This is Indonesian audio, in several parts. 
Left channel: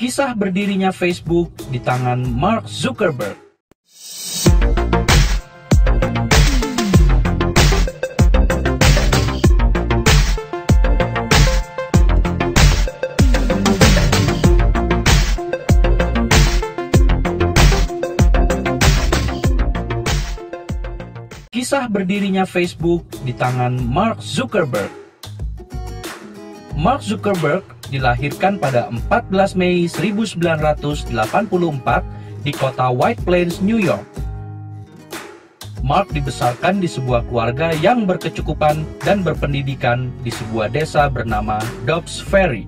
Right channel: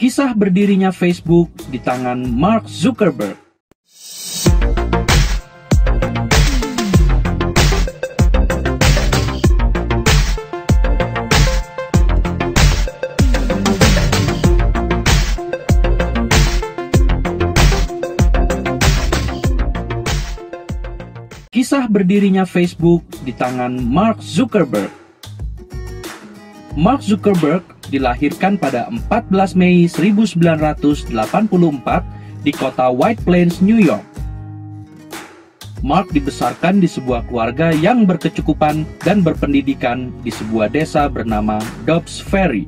Kisah berdirinya Facebook di tangan Mark Zuckerberg. Kisah berdirinya Facebook di tangan Mark Zuckerberg. Mark Zuckerberg dilahirkan pada 14 Mei 1984 di kota White Plains, New York. Mark dibesarkan di sebuah keluarga yang berkecukupan dan berpendidikan di sebuah desa bernama Dobbs Ferry.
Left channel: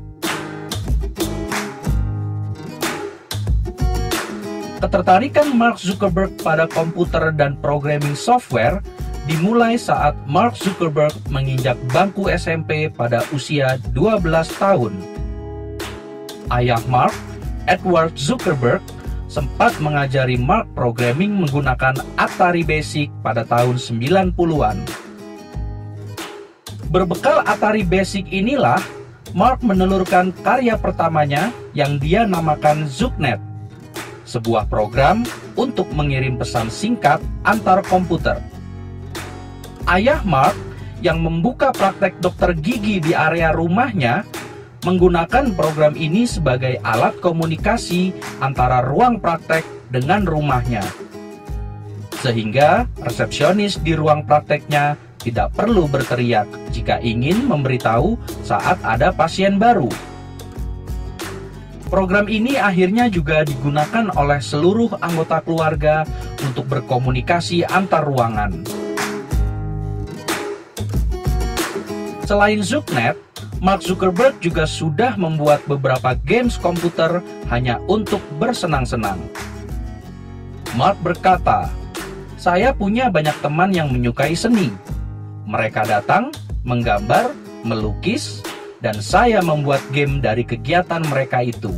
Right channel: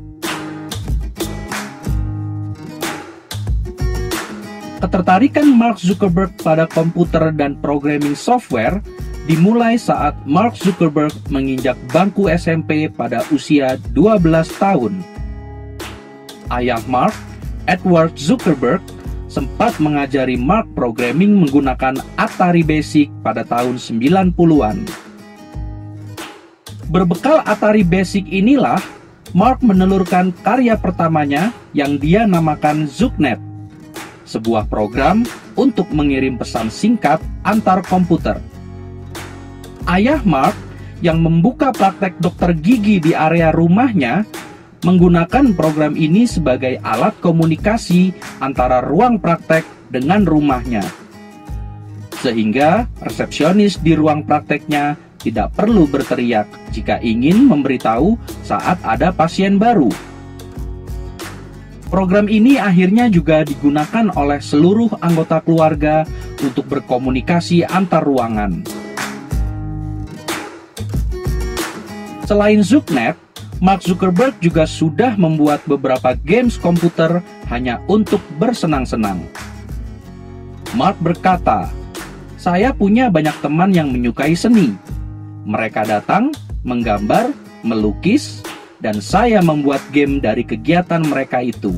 Ketertarikan Mark Zuckerberg pada komputer dan programming software dimulai saat Mark Zuckerberg menginjak bangku SMP pada usia 12 tahun. Ayah Mark, Edward Zuckerberg, sempat mengajari Mark programming menggunakan Atari Basic pada tahun 90-an. Berbekal Atari Basic inilah, Mark menelurkan karya pertamanya yang dia namakan ZuckNet, sebuah program untuk mengirim pesan singkat antar komputer. Ayah Mark yang membuka praktek dokter gigi di area rumahnya menggunakan program ini sebagai alat komunikasi antara ruang praktek dengan rumahnya. Sehingga resepsionis di ruang prakteknya tidak perlu berteriak jika ingin memberitahu saat ada pasien baru. Program ini akhirnya juga digunakan oleh seluruh anggota keluarga untuk berkomunikasi antar ruangan. Selain ZuckNet, Mark Zuckerberg juga sudah membuat beberapa games komputer hanya untuk bersenang-senang. Mark berkata, "Saya punya banyak teman yang menyukai seni. Mereka datang, menggambar, melukis, dan saya membuat game dari kegiatan mereka itu."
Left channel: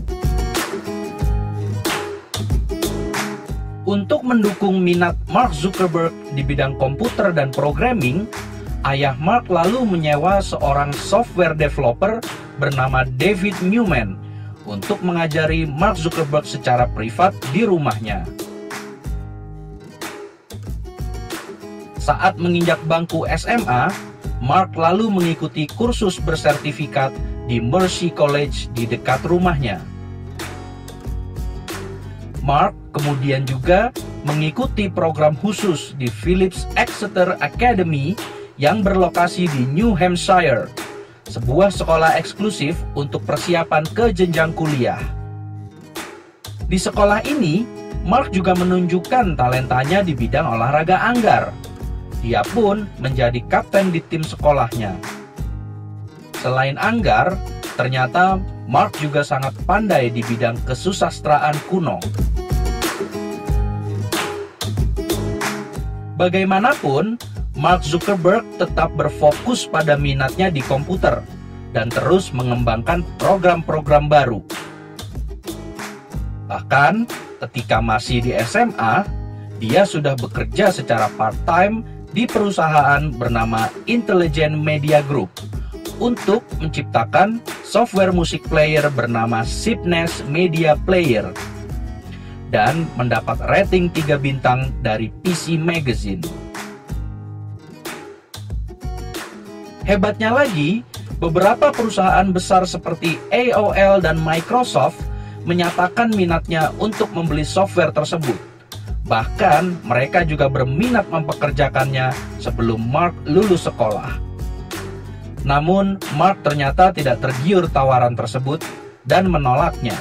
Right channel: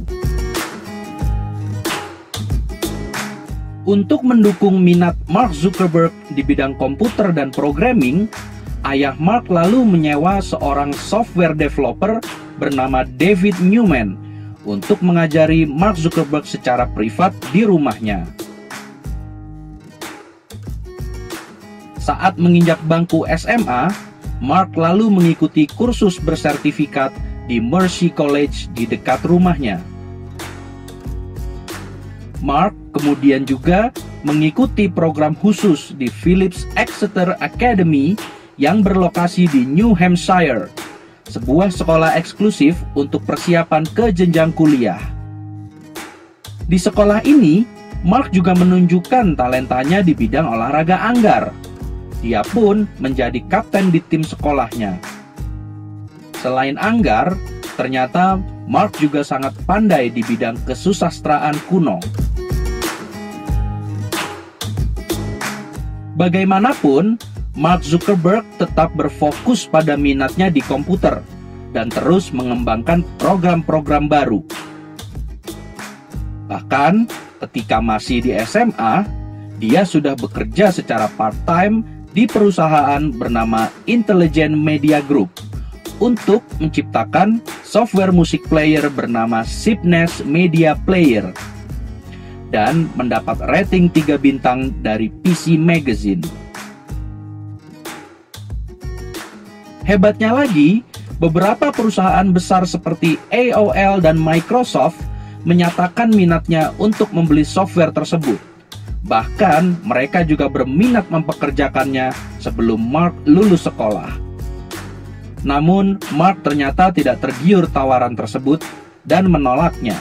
Untuk mendukung minat Mark Zuckerberg di bidang komputer dan programming, ayah Mark lalu menyewa seorang software developer bernama David Newman untuk mengajari Mark Zuckerberg secara privat di rumahnya. Saat menginjak bangku SMA, Mark lalu mengikuti kursus bersertifikat di Mercy College di dekat rumahnya. Mark kemudian juga mengikuti program khusus di Phillips Exeter Academy yang berlokasi di New Hampshire, sebuah sekolah eksklusif untuk persiapan ke jenjang kuliah. Di sekolah ini, Mark juga menunjukkan talentanya di bidang olahraga anggar. Dia pun menjadi kapten di tim sekolahnya. Selain anggar, ternyata Mark juga sangat pandai di bidang kesusastraan kuno. Bagaimanapun, Mark Zuckerberg tetap berfokus pada minatnya di komputer dan terus mengembangkan program-program baru. Bahkan ketika masih di SMA, dia sudah bekerja secara part-time di perusahaan bernama Intelligent Media Group untuk menciptakan software musik player bernama Sipnes Media Player dan mendapat rating 3 bintang dari PC Magazine. Hebatnya lagi, beberapa perusahaan besar seperti AOL dan Microsoft menyatakan minatnya untuk membeli software tersebut. Bahkan mereka juga berminat mempekerjakannya sebelum Mark lulus sekolah. Namun Mark ternyata tidak tergiur tawaran tersebut dan menolaknya.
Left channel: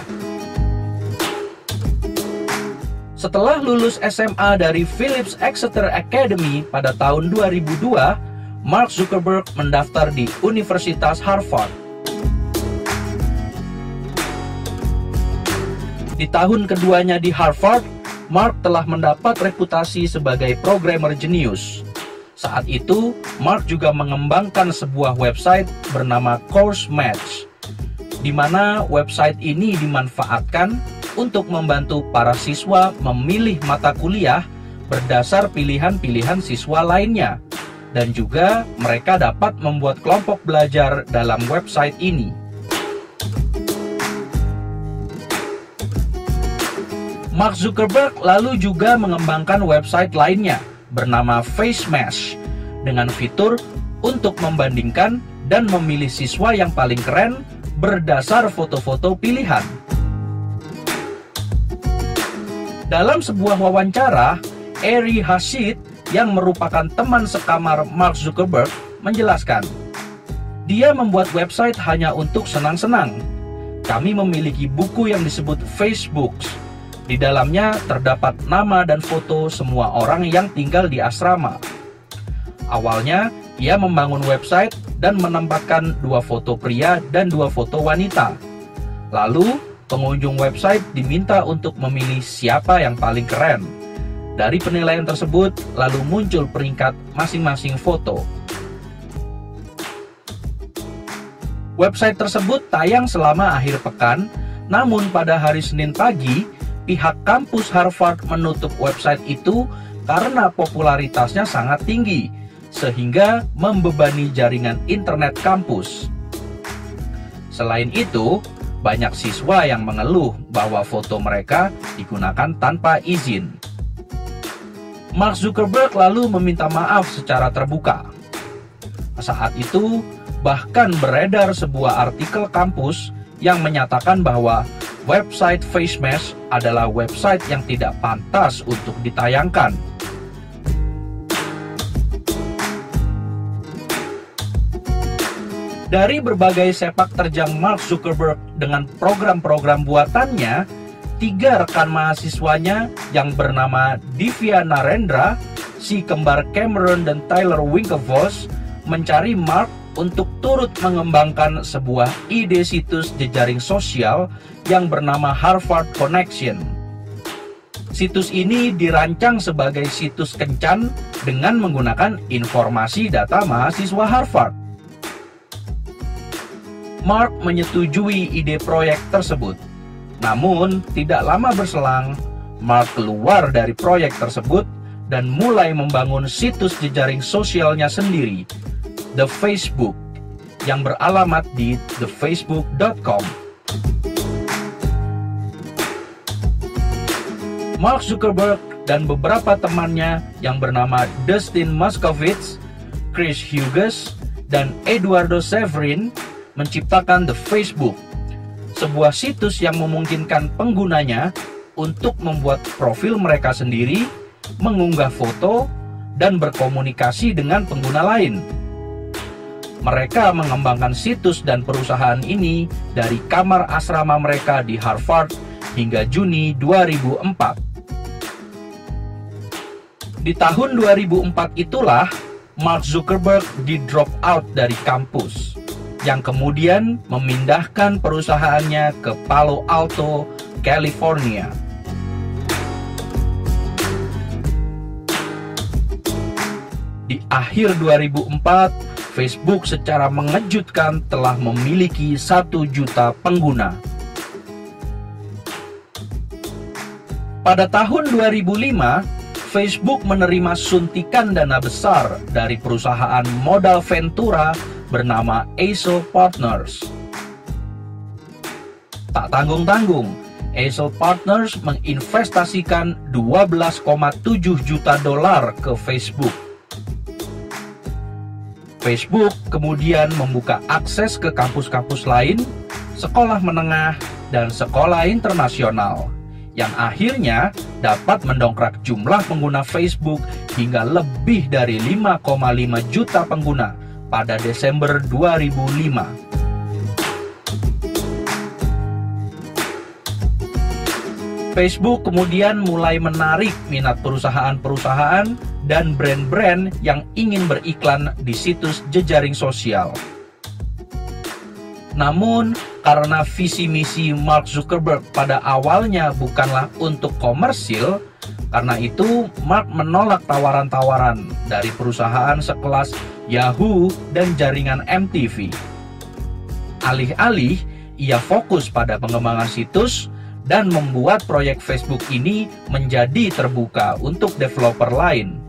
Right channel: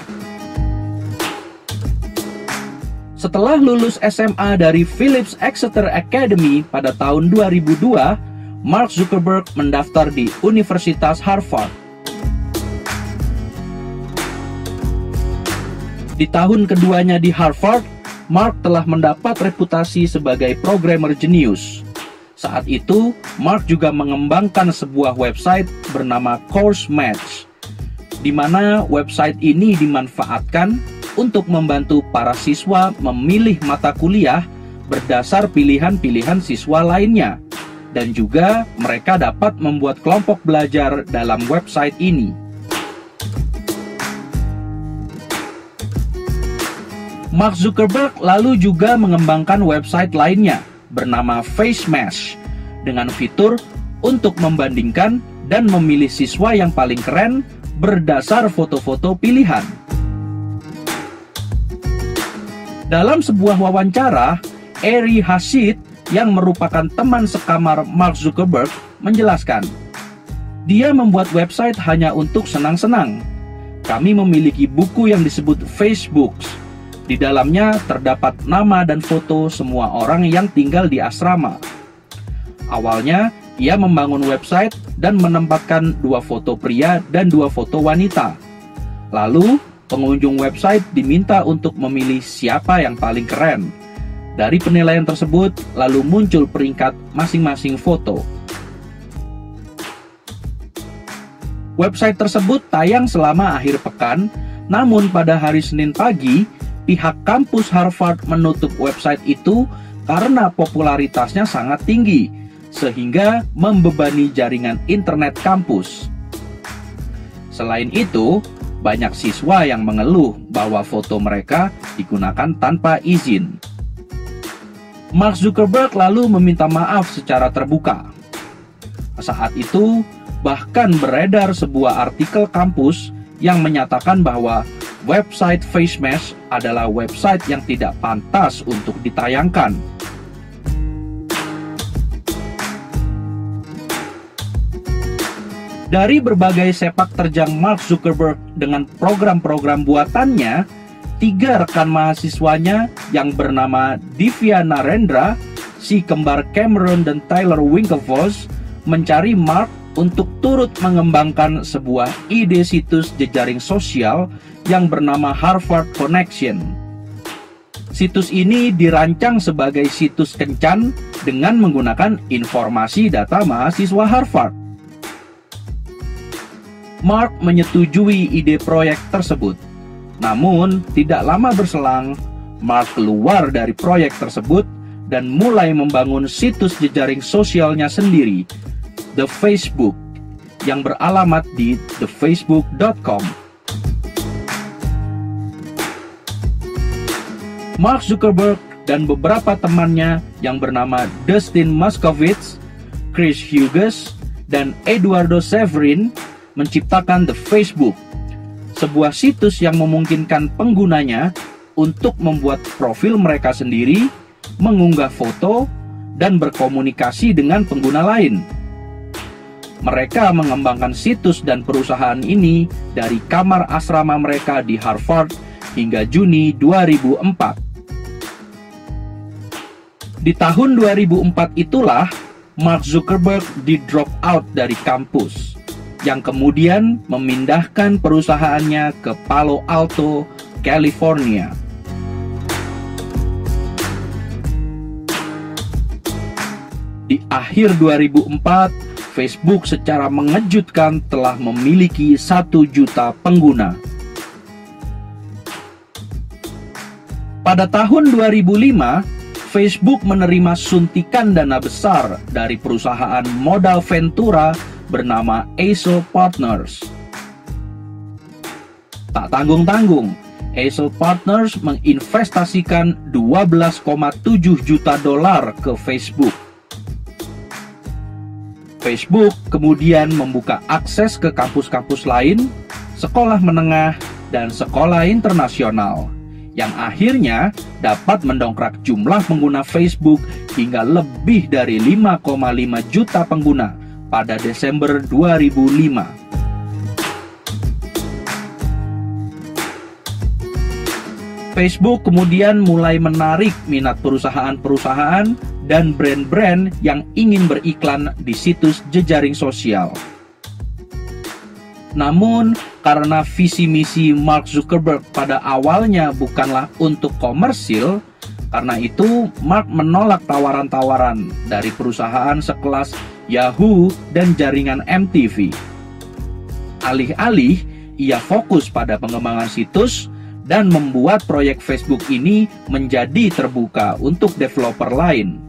Setelah lulus SMA dari Phillips Exeter Academy pada tahun 2002, Mark Zuckerberg mendaftar di Universitas Harvard. Di tahun keduanya di Harvard, Mark telah mendapat reputasi sebagai programmer jenius. Saat itu, Mark juga mengembangkan sebuah website bernama Course Match, di mana website ini dimanfaatkan untuk membantu para siswa memilih mata kuliah berdasar pilihan-pilihan siswa lainnya, dan juga mereka dapat membuat kelompok belajar dalam website ini. Mark Zuckerberg lalu juga mengembangkan website lainnya bernama FaceMesh dengan fitur untuk membandingkan dan memilih siswa yang paling keren berdasar foto-foto pilihan. Dalam sebuah wawancara, Ari Hasid yang merupakan teman sekamar Mark Zuckerberg menjelaskan, dia membuat website hanya untuk senang-senang. Kami memiliki buku yang disebut Facebooks. Di dalamnya terdapat nama dan foto semua orang yang tinggal di asrama. Awalnya, ia membangun website dan menempatkan 2 foto pria dan 2 foto wanita. Lalu, pengunjung website diminta untuk memilih siapa yang paling keren. Dari penilaian tersebut, lalu muncul peringkat masing-masing foto. Website tersebut tayang selama akhir pekan, namun pada hari Senin pagi, pihak kampus Harvard menutup website itu karena popularitasnya sangat tinggi, sehingga membebani jaringan internet kampus. Selain itu, banyak siswa yang mengeluh bahwa foto mereka digunakan tanpa izin. Mark Zuckerberg lalu meminta maaf secara terbuka. Saat itu, bahkan beredar sebuah artikel kampus yang menyatakan bahwa website FaceMesh adalah website yang tidak pantas untuk ditayangkan. Dari berbagai sepak terjang Mark Zuckerberg dengan program-program buatannya, 3 rekan mahasiswanya yang bernama Divya Narendra, si kembar Cameron dan Tyler Winklevoss, mencari Mark untuk turut mengembangkan sebuah ide situs jejaring sosial yang bernama Harvard Connection. Situs ini dirancang sebagai situs kencan dengan menggunakan informasi data mahasiswa Harvard. Mark menyetujui ide proyek tersebut. Namun, tidak lama berselang, Mark keluar dari proyek tersebut dan mulai membangun situs jejaring sosialnya sendiri, The Facebook, yang beralamat di thefacebook.com. Mark Zuckerberg dan beberapa temannya yang bernama Dustin Moskovitz, Chris Hughes, dan Eduardo Severin menciptakan The Facebook, sebuah situs yang memungkinkan penggunanya untuk membuat profil mereka sendiri, mengunggah foto, dan berkomunikasi dengan pengguna lain. Mereka mengembangkan situs dan perusahaan ini dari kamar asrama mereka di Harvard hingga Juni 2004. Di tahun 2004 itulah Mark Zuckerberg di-drop out dari kampus, yang kemudian memindahkan perusahaannya ke Palo Alto, California. Di akhir 2004, Facebook secara mengejutkan telah memiliki 1 juta pengguna. Pada tahun 2005, Facebook menerima suntikan dana besar dari perusahaan modal Ventura bernama Aso Partners. Tak tanggung-tanggung, Aso Partners menginvestasikan $12,7 juta ke Facebook. Facebook kemudian membuka akses ke kampus-kampus lain, sekolah menengah, dan sekolah internasional, yang akhirnya dapat mendongkrak jumlah pengguna Facebook hingga lebih dari 5,5 juta pengguna pada Desember 2005. Facebook kemudian mulai menarik minat perusahaan-perusahaan dan brand-brand yang ingin beriklan di situs jejaring sosial. Namun, karena visi misi Mark Zuckerberg pada awalnya bukanlah untuk komersil, karena itu Mark menolak tawaran-tawaran dari perusahaan sekelas Yahoo dan jaringan MTV. Alih-alih, ia fokus pada pengembangan situs dan membuat proyek Facebook ini menjadi terbuka untuk developer lain,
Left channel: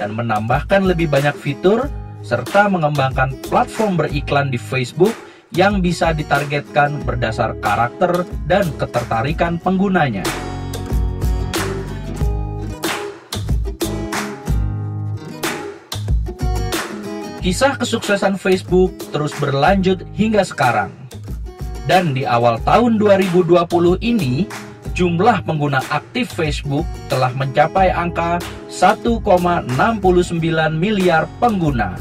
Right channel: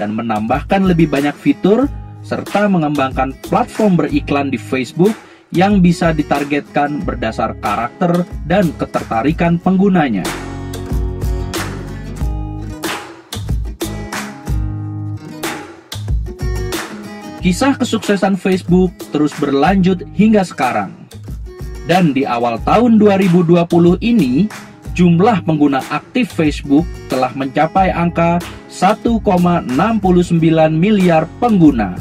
dan menambahkan lebih banyak fitur, serta mengembangkan platform beriklan di Facebook yang bisa ditargetkan berdasar karakter dan ketertarikan penggunanya. Kisah kesuksesan Facebook terus berlanjut hingga sekarang. Dan di awal tahun 2020 ini, jumlah pengguna aktif Facebook telah mencapai angka 1,69 miliar pengguna.